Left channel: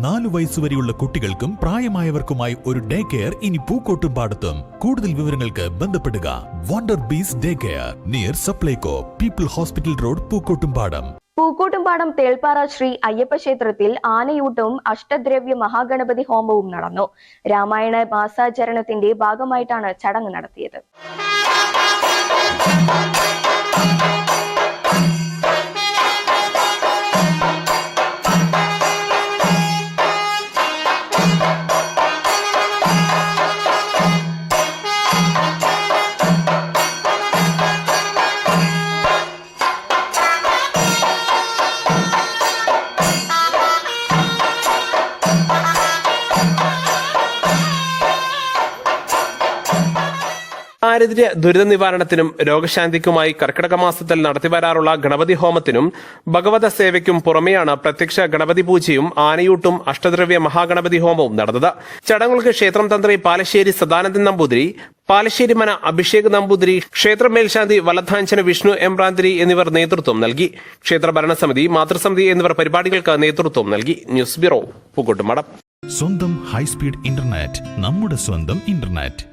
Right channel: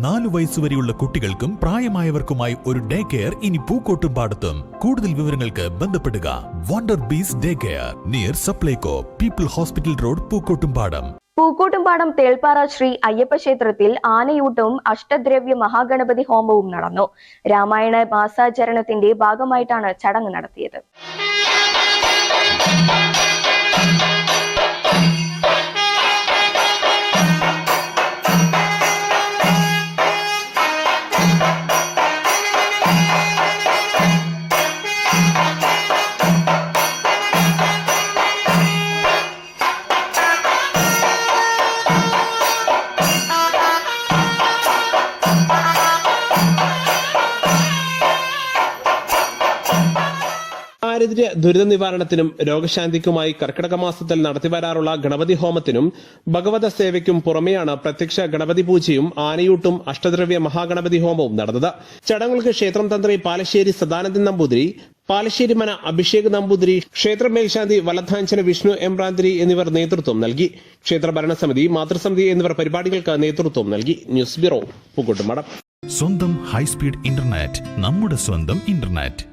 4 വയസ്സുവരെയുള്ള കുട്ടികൾക്കും പ്രായമായവർക്കുമായി ഒരു day care ഇനി പൂക്കോട്ടുംപാടത്തും. കൂടുതൽ വിവരങ്ങൾക്ക് ബന്ധപ്പെടുക Wonder Bees day care near Supplyco People hospital road Pookkottumpadam. Pookkottumpadam Thelppara Sree Ayyappa ക്ഷേത്രത്തിൽ ആനയൂട്ടവും അഷ്ടദ്രവ്യ മഹാഗണപതി ഹോമവും നടന്നു. രാമായണ മാസാചരണത്തിന്റെ ഭാഗമായിട്ടാണ് ചടങ്ങ് നടത്തിയത്. ദാരിദ്ര്യ ദുരിത നിവാരണത്തിനും രോഗശാന്തിക്കുമായി കർക്കിടക മാസത്തിൽ നടത്തിവരാറുള്ള ഗണപതി ഹോമത്തിനും ഭഗവത സേവയ്ക്കും പുറമെയാണ് പ്രത്യക്ഷ ഗണപതി പൂജയും ആനയൂട്ടും അഷ്ടദ്രവ്യ മഹാഗണപതി ഹോമവും നടന്നത്. ചടങ്ങുകൾക്ക് ക്ഷേത്രം തന്ത്രി പാലശ്ശേരി സദാനന്ദൻ നമ്പൂതിരി, പാലശ്ശേരി മന അഭിഷേക് നമ്പൂതിരി, ക്ഷേത്ര മേൽശാന്തി വലധാഞ്ചന വിഷ്ണു എംബ്രാന്തിരി എന്നിവർ നേതൃത്വം നൽകി. ക്ഷേത്ര ഭരണസമിതി, മാതൃസമിതി എന്നിവർ പരിപാടികൾക്ക് നേതൃത്വം നൽകി. News bureau, Pookkottumpadam. സ്വന്തം ഹൈസ്പീഡ് ഇന്റർനെറ്റ്, നമ്മുടെ സ്വന്തം ഇന്റർനെറ്റ്.